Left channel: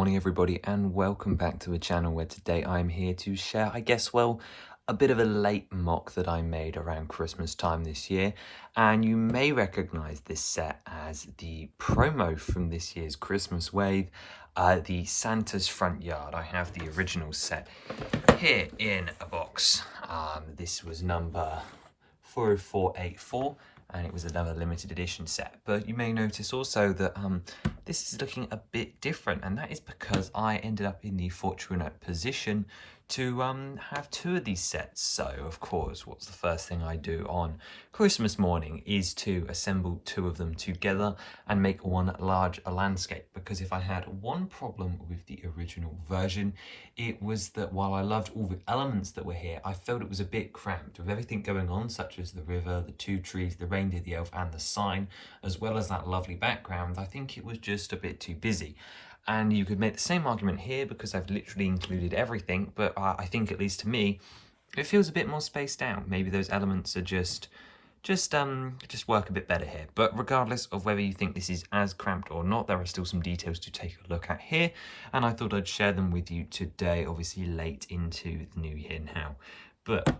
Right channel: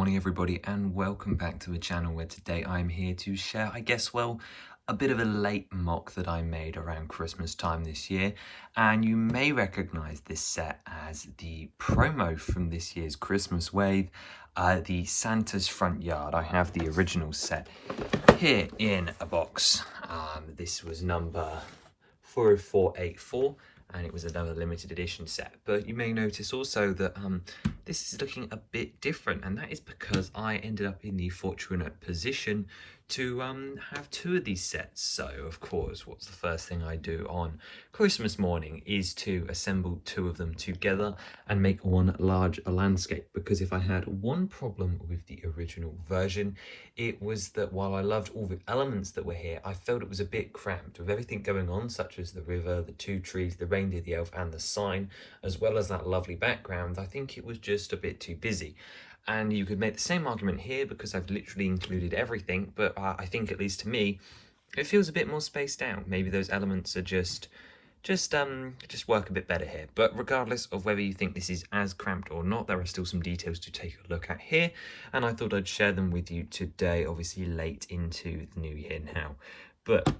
morning everybody, and welcome back to a channel where today I'm here to share, a bit of a late mock that I made around Christmas time this year. And you may recognize this set as the promo from this year's Christmas wave, the Santa's Front Yard. I have the original set here in a box. This was number 40484. And it was another limited edition set. But you may notice also that this is looking a bit different, and that is because I ended up in the fortunate position to have two of these sets. So of course, what's the first thing I do on Christmas morning is to assemble two of them together and make one large landscape. Because if I had one problem with the original version, it was that while I loved all the elements that were here, I felt it was a bit cramped with everything going on, such as the river, the two trees, the reindeer, the elf, and the sign, as well as that lovely background. I think it was just a bit too busy. And you could make the same argument here because I've literally included everything, but I think, at least to me, it feels a bit more spaced out. Maybe those elements are just work a bit better here. But regardless of whether you think this is as cramped or not, there are still some details to take a look at here, and I thought I'd share them with you today, obviously late into the new year now. But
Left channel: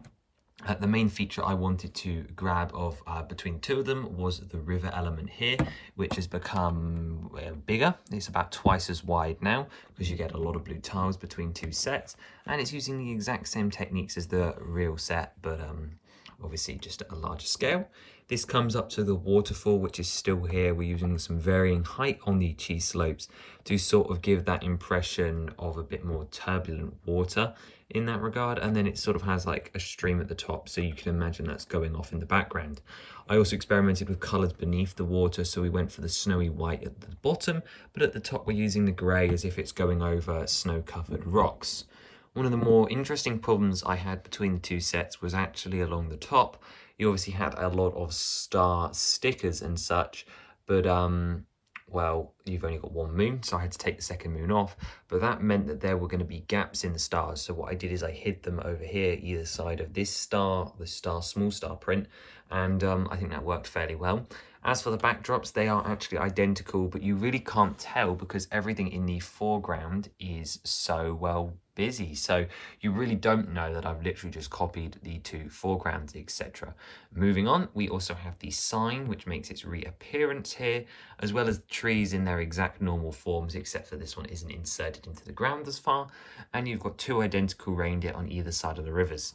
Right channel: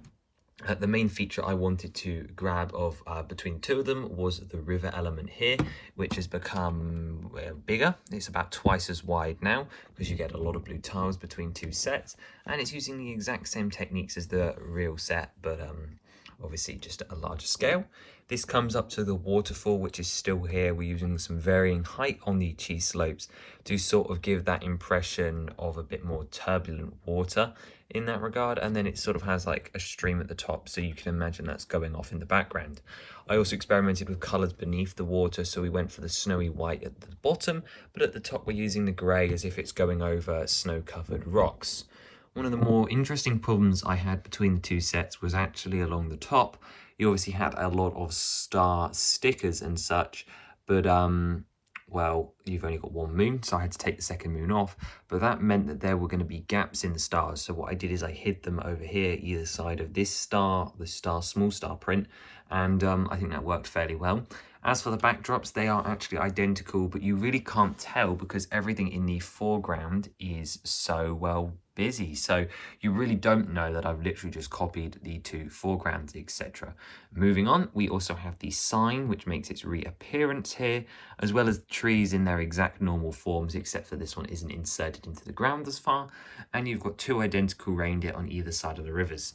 the main feature I wanted to grab of between two of them was the river element here, which has become bigger. It's about twice as wide now because you get a lot of blue tiles between two sets, and it's using the exact same techniques as the real set, but obviously just at a larger scale. This comes up to the waterfall, which is still here. We're using some varying height on the cheese slopes to sort of give that impression of a bit more turbulent water in that regard. And then it sort of has like a stream at the top, so you can imagine that's going off in the background. I also experimented with colours beneath the water, so we went for the snowy white at the bottom, but at the top we're using the grey as if it's going over snow-covered rocks. One of the more interesting problems I had between the two sets was actually along the top. You obviously had a lot of star stickers and such, but well, you've only got one moon, so I had to take the second moon off, but that meant that there were going to be gaps in the stars. So what I did is I hid them over here, either side of this star, the small star print, and I think that worked fairly well. As for the backdrops, they are actually identical, but you really can't tell because everything in the foreground is so well busy. So you really don't know that I've literally just copied the two foregrounds, etc. Moving on, we also have the sign, which makes its reappearance here, as well as trees in their exact normal forms, except for this one isn't inserted into the ground as far. And you've got two identical reindeer on either side of the rivers.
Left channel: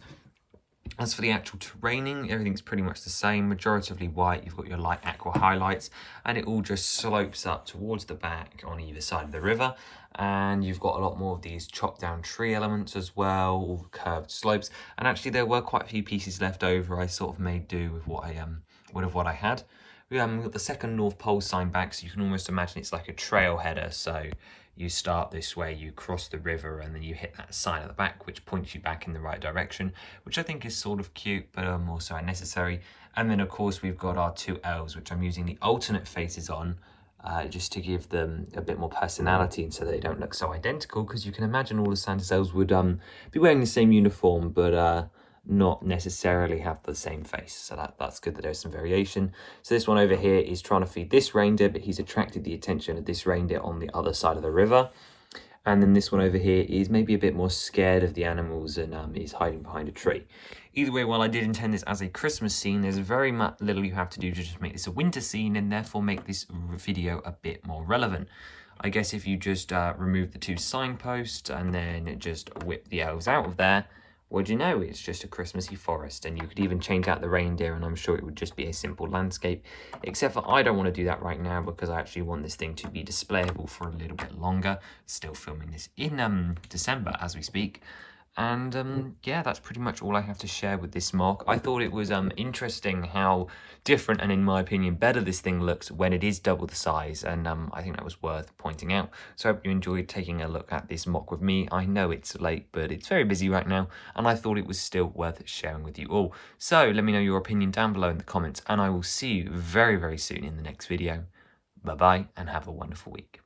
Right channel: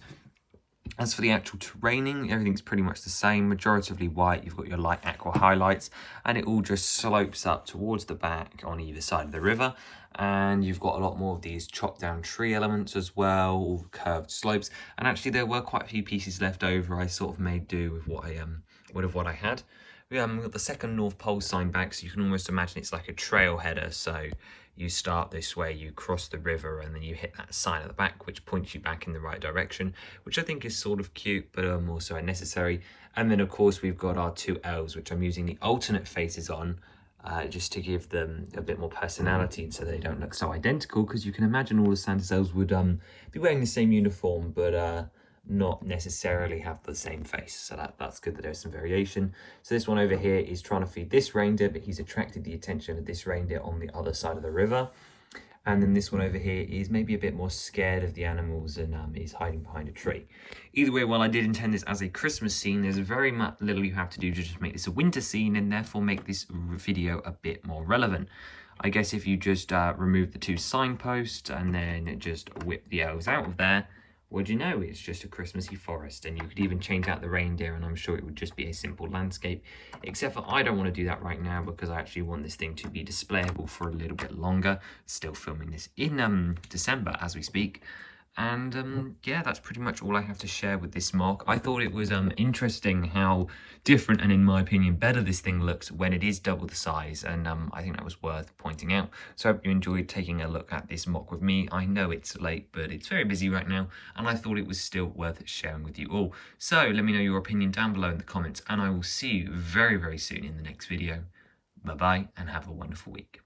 As for the actual terraining, everything's pretty much the same, majoritively white. You've got your light aqua highlights, and it all just slopes up towards the back on either side of the river. And you've got a lot more of these chopped down tree elements as well, all curved slopes. And actually there were quite a few pieces left over. I sort of made do with what I had. We've got the second North Pole sign back, so you can almost imagine it's like a trail header. So you start this way, you cross the river, and then you hit that sign at the back, which points you back in the right direction, which I think is sort of cute, but also unnecessary. And then, of course, we've got our two elves, which I'm using the alternate faces on, just to give them a bit more personality and so they don't look so identical, because you can imagine all the Santa's elves would be wearing the same uniform, but not necessarily have the same face. So that's good that there's some variation. So this one over here is trying to feed this reindeer, but he's attracted the attention of this reindeer on the other side of the river. And then this one over here is maybe a bit more scared of the animals and is hiding behind a tree. Either way, while I did intend this as a Christmas scene, there's very little you have to do to just make this a winter scene and therefore make this video a bit more relevant. I guess if you just remove the two signposts and then just whip the elves out of there, what do you know? It's just a Christmassy forest, and you could even change out the reindeer and I'm sure it would just be a simple landscape, except for I don't want to do that right now because I actually want this thing to be displayable for a little bit longer. Still filming this in December as we speak. And yeah, that's pretty much all I have to share with this mock. I thought it was interesting how different and, in my opinion, better this thing looks when it is double the size, and I think that was worth pointing out. So I hope you enjoyed taking a look at this mock with me. I know it's late, but it's very busy right now, and I thought it was still worth sharing with you all. So let me know your opinion down below in the comments, and I will see you very, very soon in the next video. Bye-bye, and have a wonderful week.